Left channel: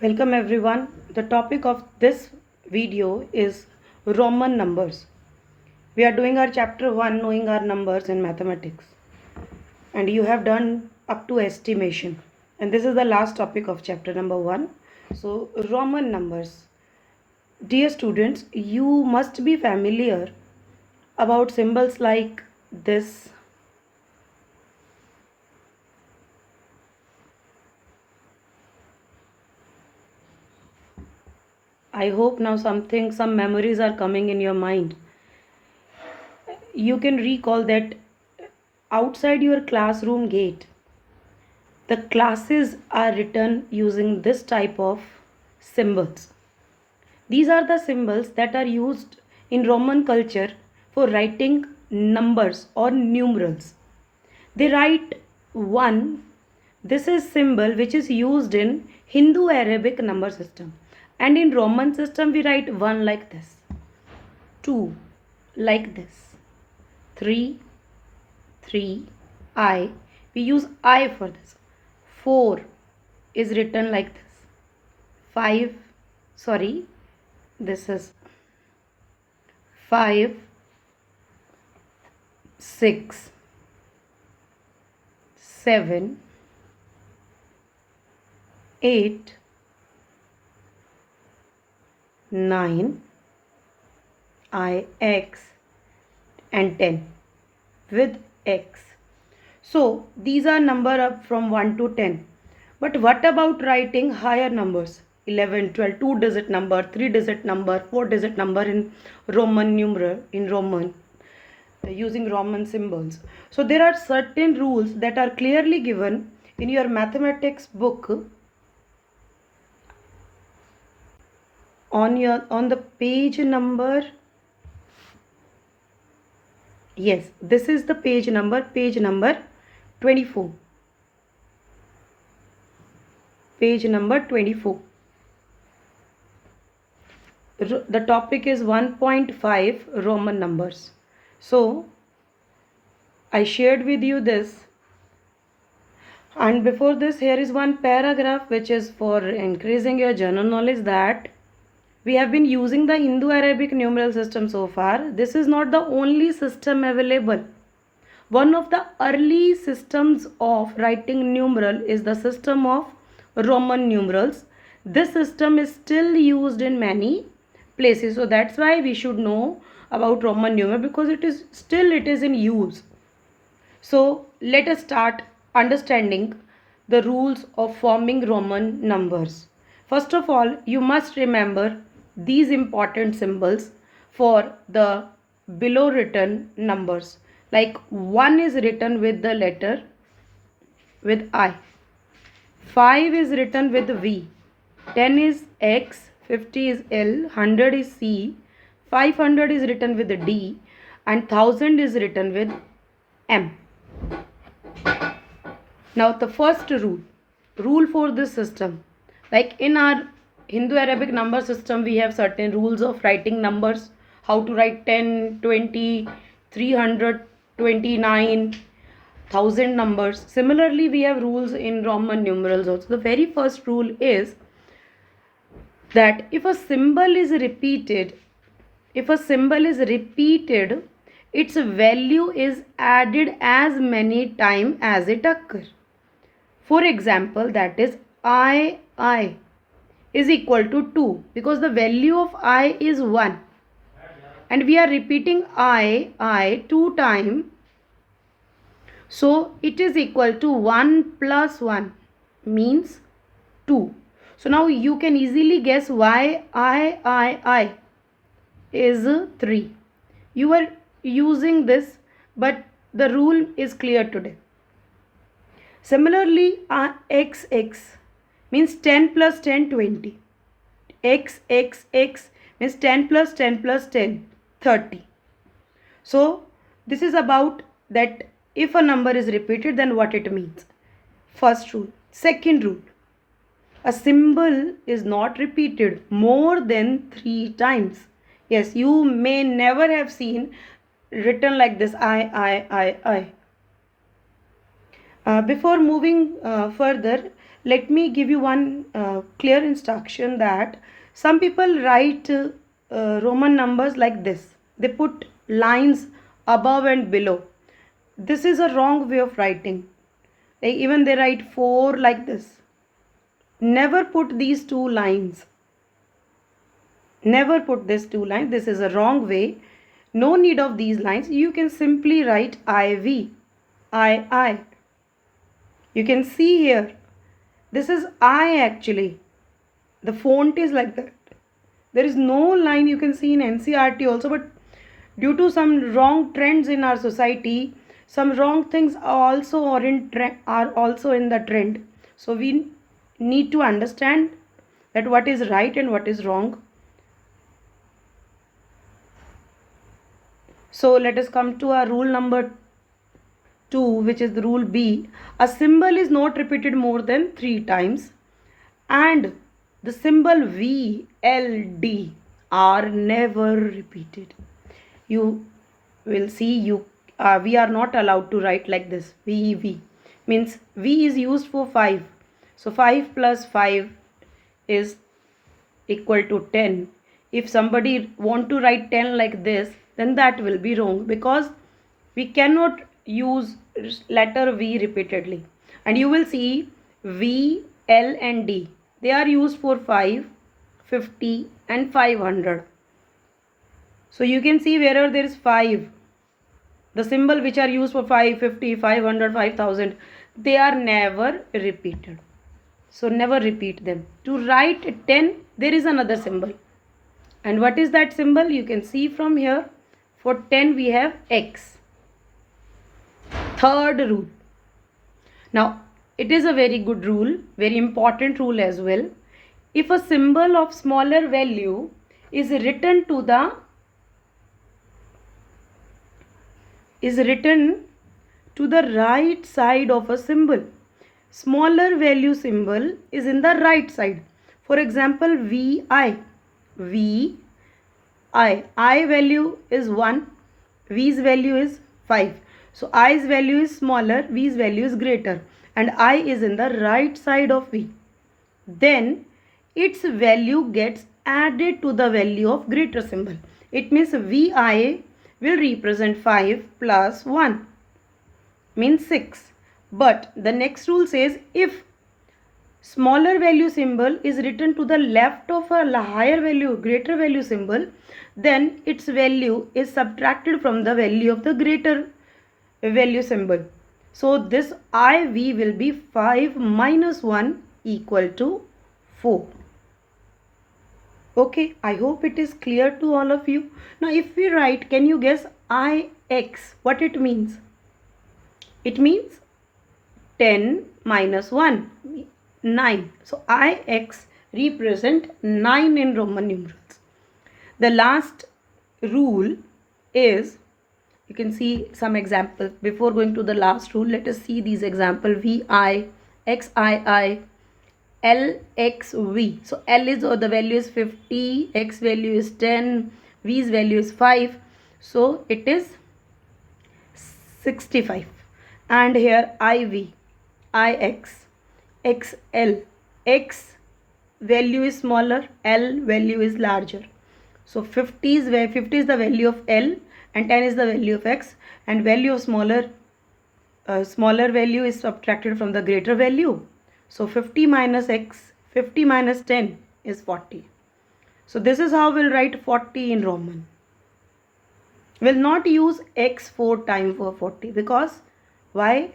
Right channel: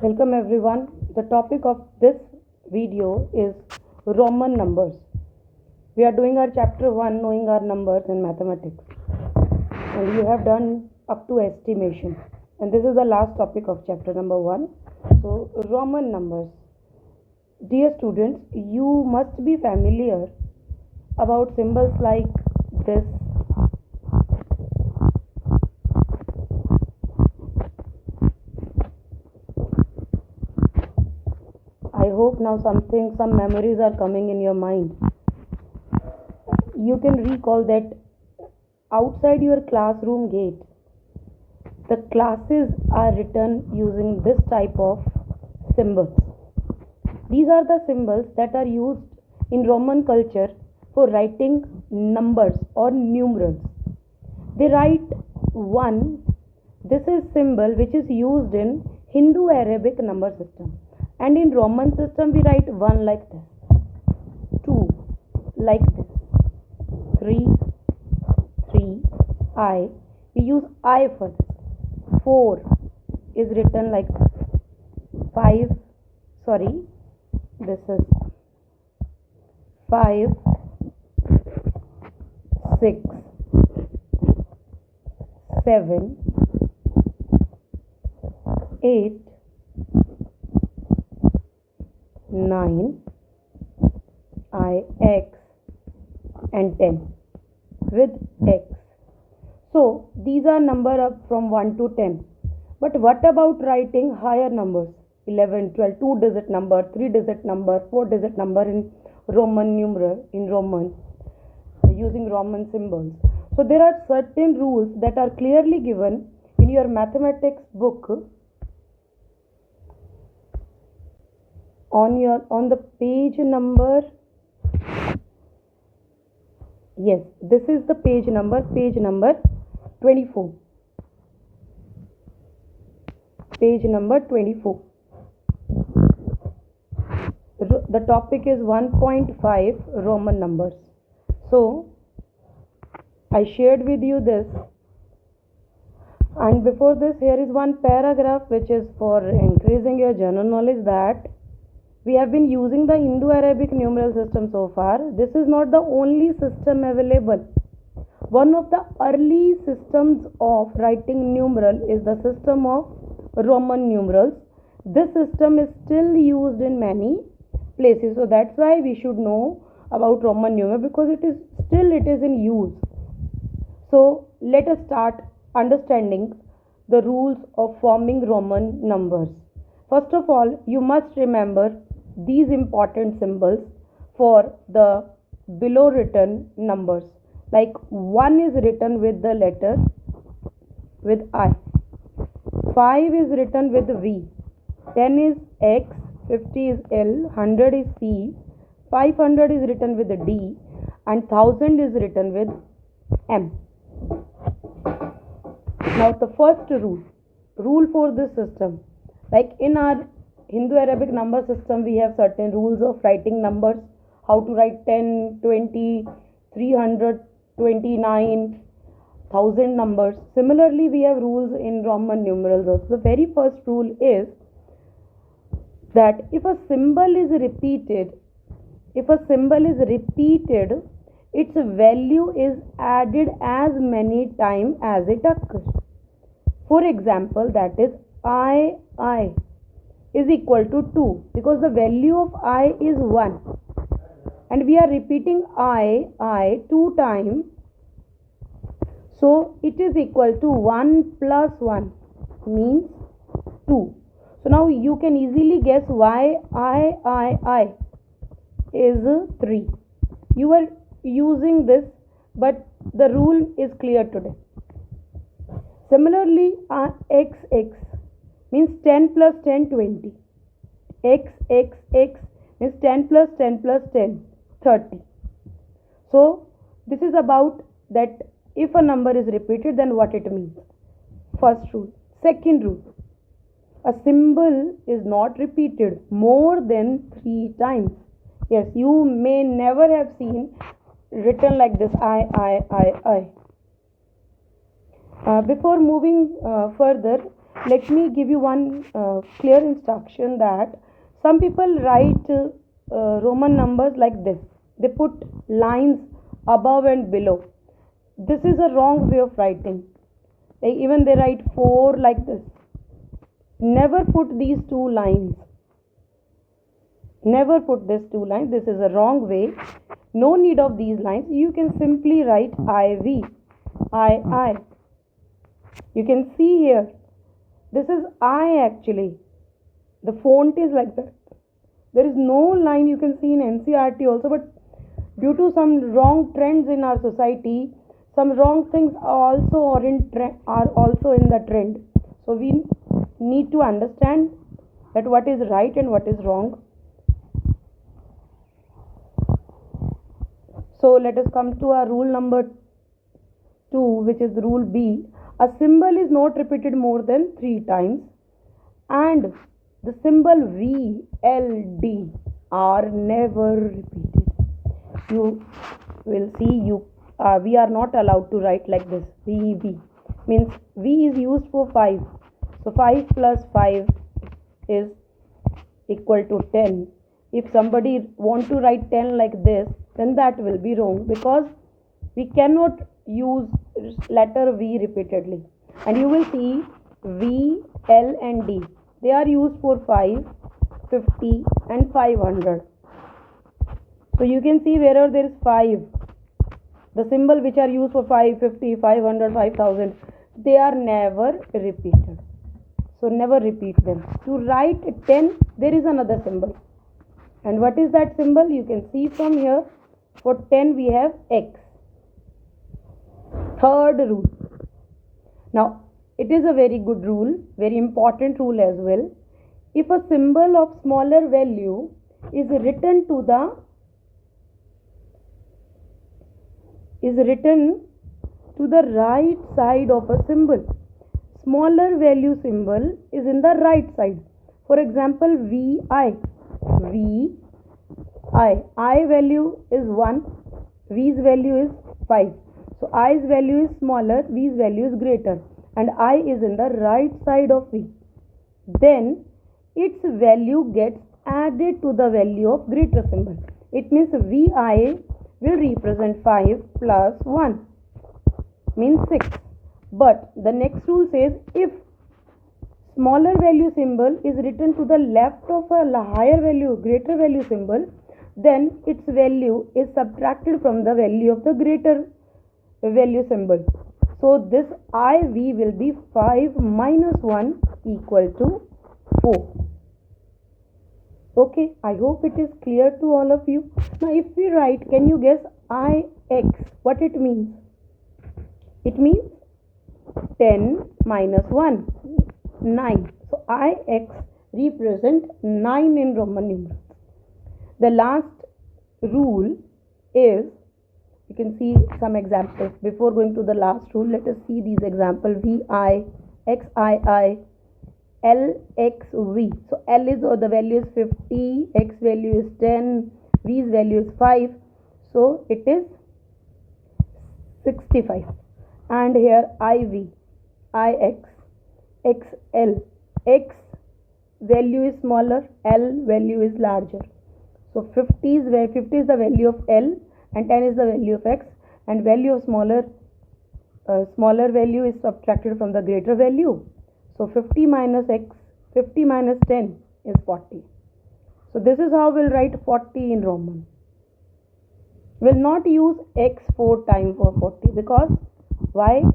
Welcome everyone. The topic of this video is Roman numbers. We are doing our chapter 1 knowing our numbers in mathematics. And you have done up to estimation. And this is the last topic of chapter number 1. So Roman numbers. Dear students, you must be familiar about symbols like this. I hope now some memories are coming in your mind. You can recall that outside your classroom gate, the classes are written using this type of symbols. These are the symbols that are used in Roman culture for writing numbers or numerals. They write 1. This is symbol which is used in Hindu Arabic number system, and in Roman system we write 1 like this, 2 like this, 3 3 I, we use I for this, 4 is written like this, 5 sorry this is 5 6 7 8 9 I X and 10 with X. So these are number up from 1 to 10. But what about writing higher numbers? 11, 12, 2-digit number, 3-digit number, 4-digit number in Roman numeral, in Roman, using Roman symbols. So there are certain rules that are clearly given in your mathematics book on the page number. Yes, this is the page number 24. Page number 24. The topic is 1.5 Roman numbers. So I shared with you this, and before this here is one paragraph which is for increasing your general knowledge, that we have been using the Hindu Arabic numeral system so far. This is not the only system available. One of the early systems of writing numeral is the system of Roman numerals. This system is still used in many places, so that's why we should know about Roman numeral, because it is in use. So let us start understanding the rules of forming Roman numbers. First of all, you must remember these important symbols for the below written numbers. Like 1 is written with the letter with I, 5 is written with V, 10 is X, 50 is L, 100 is C, 500 is written with D, and 1000 is written with M. Now the first rule for this system, like in our Hindu Arabic number system, we have certain rules of writing numbers, how to write 10, 20, 300, 29, 1000 numbers. Similarly, we have rules in Roman numerals also. The very first rule is that if a symbol is repeated, its value is added as many times as it occurs. For example, that is I is equal to 2, because the value of I is 1 and we are repeating I 2 times, so it is equal to 1 plus 1 means 2. So now you can easily guess why I is 3. You are using this, but the rule is clear today. Similarly, XX means 10 plus 10, 20. XXX means 10 plus 10 plus 10, 30. So this is about that if a number is repeated, then what it means. First rule. Second rule. A symbol is not repeated more than 3 times. Yes, you may never have seen written like this I. Before moving further, let me give you one clear instruction that some people write Roman numbers like this. They put lines above and below. This is a wrong way of writing. Even they write 4 like this. Never put these two lines. Never put these two lines. This is a wrong way. No need of these lines. You can simply write IV. I. You can see here. This is I actually. The font is like that. There is no line you can see in NCERT also, but due to some wrong trends in our society, some wrong things are also in the trend. So we need to understand that what is right and what is wrong. So let us come to our rule number 2, which is the rule B. A symbol is not repeated more than 3 times, and the symbol V, L, D are never repeated. You will see we are not allowed to write like this. V means V is used for 5. So 5 plus 5 is equal to 10. If somebody want to write 10 like this, then that will be wrong, because we cannot use letter V repeatedly. And you will see V, L and D. They are used for 5, 50 and 500. So you can see wherever there is 5, the symbol which are used for 5, 50, 500, 5000, they are never repeated. So never repeat them. To write 10, there is another symbol. And what is that symbol? You can see from here. For 10 we have X. Third rule. Now it is a very good rule, very important rule as well. If a symbol of smaller value is written to the right side of a symbol, smaller value symbol is in the right side. For example, I value is 1, V's value is 5. So I's value is smaller, V's value is greater, and I is in the right side of V. Then its value gets added to the value of greater symbol. It means VI will represent 5 plus 1 means 6. But the next rule says if smaller value symbol is written to the left of a higher value, greater value symbol, then its value is subtracted from the value of the greater value symbol. So this IV will be 5 minus 1 equal to 4. Okay, I hope it is clear to all of you. Now if we write, can you guess IX, what it means? It means 10 minus 1, 9. So IX represent 9 in Roman numerals. The last rule is, you can see some examples. Before going to the last rule, let us see these examples. VI, XII, LXV. So L is, or the value is 50, X value is 10, V's value is 5. So it is 65. And here IV, IX, XL. X value is smaller, L value is larger. So 50 is the value of L and 10 is the value of X, and value of smaller value is subtracted from the greater value. So 50 minus X, 50 minus 10 is 40. So this is how we'll write 40 in Roman. We'll not use X 4 times for 40, because why?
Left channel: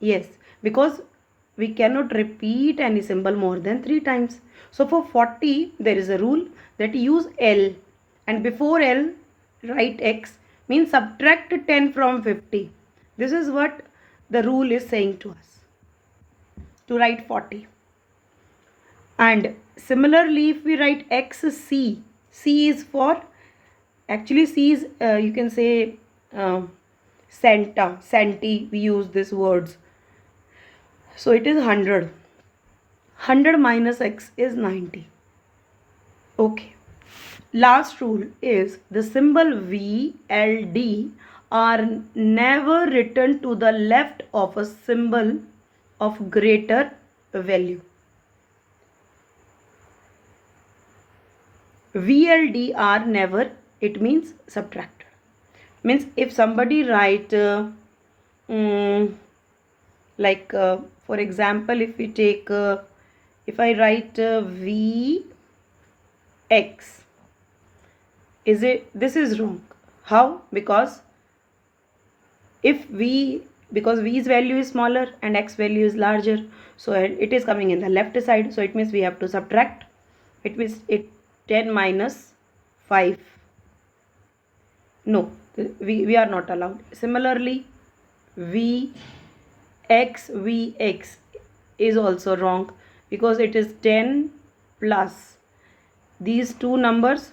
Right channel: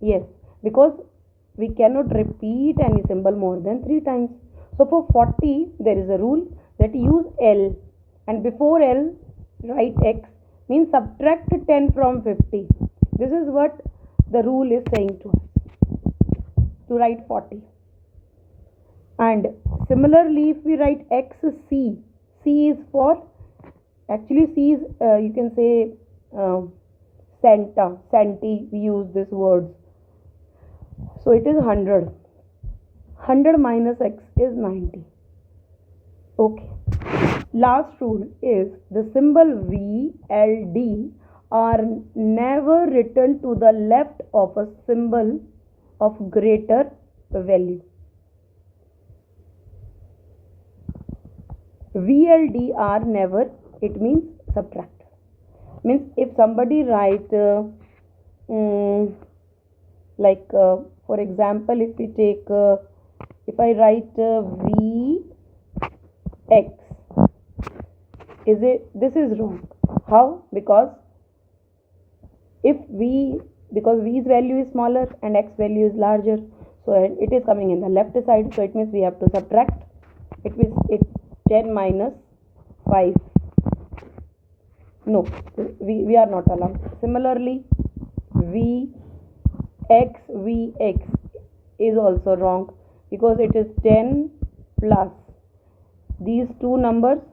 Yes, because we cannot repeat any symbol more than 3 times. So for 40 there is a rule that use L, and before L write X, means subtract 10 from 50. This is what the rule is saying to us, to write 40. And similarly, if we write XC, C is for, actually C is you can say centi, we use these words. So it is 100. 100 minus X is 90. Okay. Last rule is the symbol VLD are never written to the left of a symbol of greater value. VLDR never, it means subtracted. Means if somebody write for example, if we take if I write VX, this is wrong. How? Because V's value is smaller and X value is larger, so it is coming in the left side, so it means we have to subtract. It means 10 minus 5. No, we are not allowed. Similarly, VX is also wrong, because it is 10 plus these two numbers,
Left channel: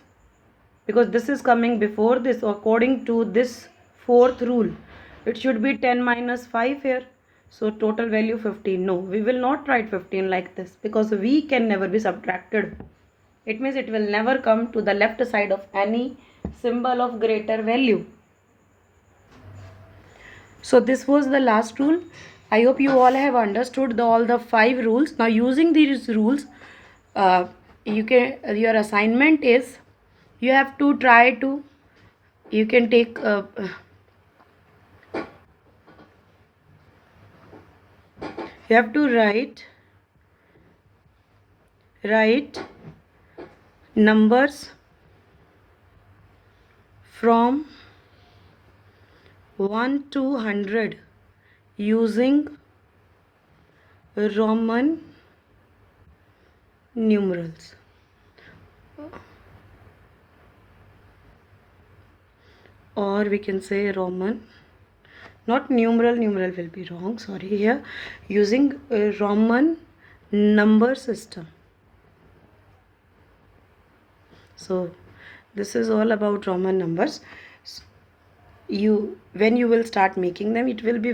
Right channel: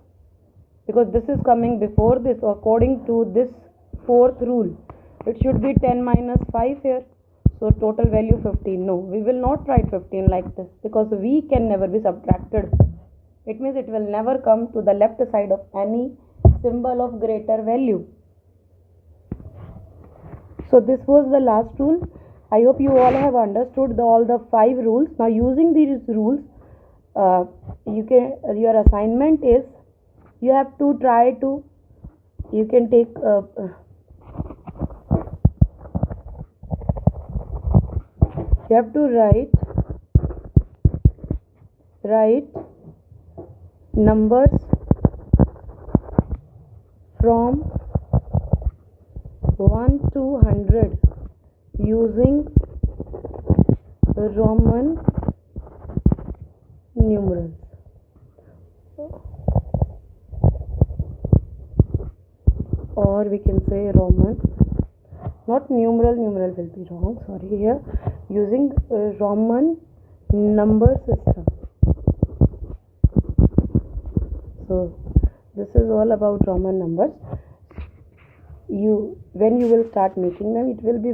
because this is coming before this. According to this fourth rule, it should be 10 minus 5 here, so total value 15. No, we will not write 15 like this, because V can never be subtracted. It means it will never come to the left side of any symbol of greater value. So this was the last rule. I hope you all have understood all the 5 rules. Now using these rules, your assignment is, you have to try to, you can take you have to write numbers from 1 to 100 using Roman numerals. Or we can say Roman, not numeral will be wrong, sorry, here using a Roman number system. So this is all about Roman numbers. When you will start making them, it will be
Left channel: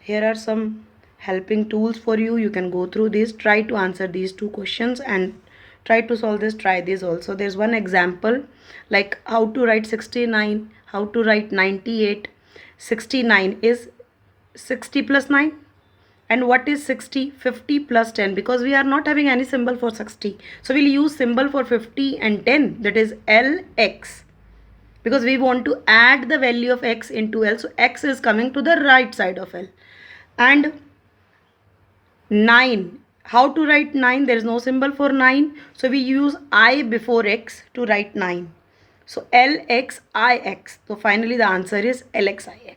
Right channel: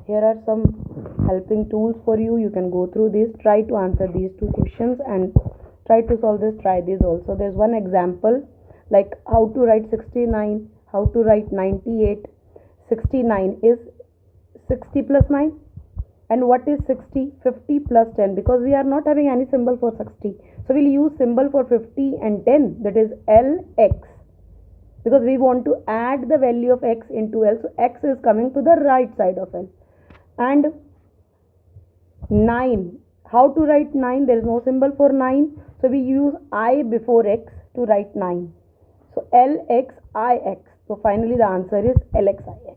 here are some helping tools for you. You can go through this, try to answer these 2 questions and try to solve this. Try this also. There's one example like how to write 69, how to write 98. 69 is 60 plus 9. And what is 60? 50 plus 10, because we are not having any symbol for 60. So we'll use symbol for 50 and 10, that is LX. Because we want to add the value of X into L. So X is coming to the right side of L. And 9. How to write 9? There is no symbol for 9. So we use I before X to write 9. So LXIX. So finally the answer is LXIX.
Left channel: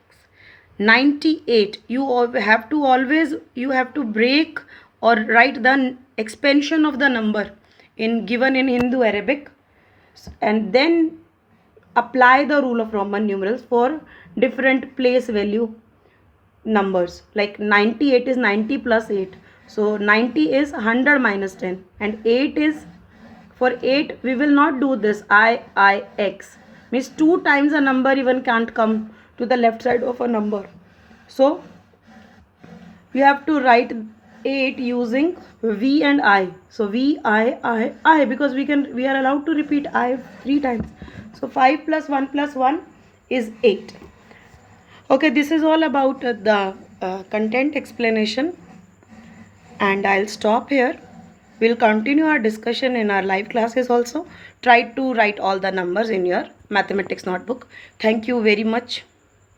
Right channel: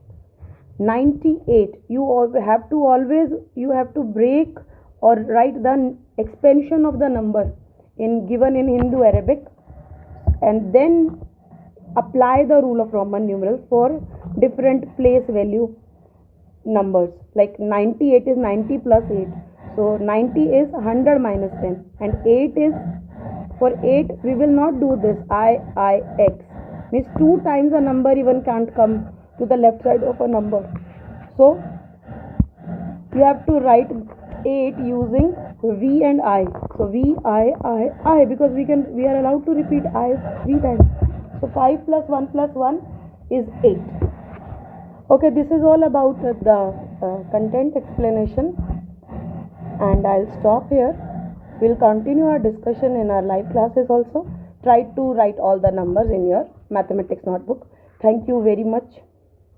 98. You have to break or write the expansion of the number given in Hindu Arabic, and then apply the rule of Roman numerals for different place value numbers. Like 98 is 90 plus 8. So 90 is 100 minus 10, and 8 is, for 8 we will not do this IIX, means 2 times a number even can't come to the left side of a number. So you have to write 8 using V and I. So V, I, because we are allowed to repeat I 3 times. So 5 plus 1 is 8. Okay, this is all about the content explanation, and I'll stop here. We'll continue our discussion in our live classes also. Try to write all the numbers in your mathematics notebook. Thank you very much.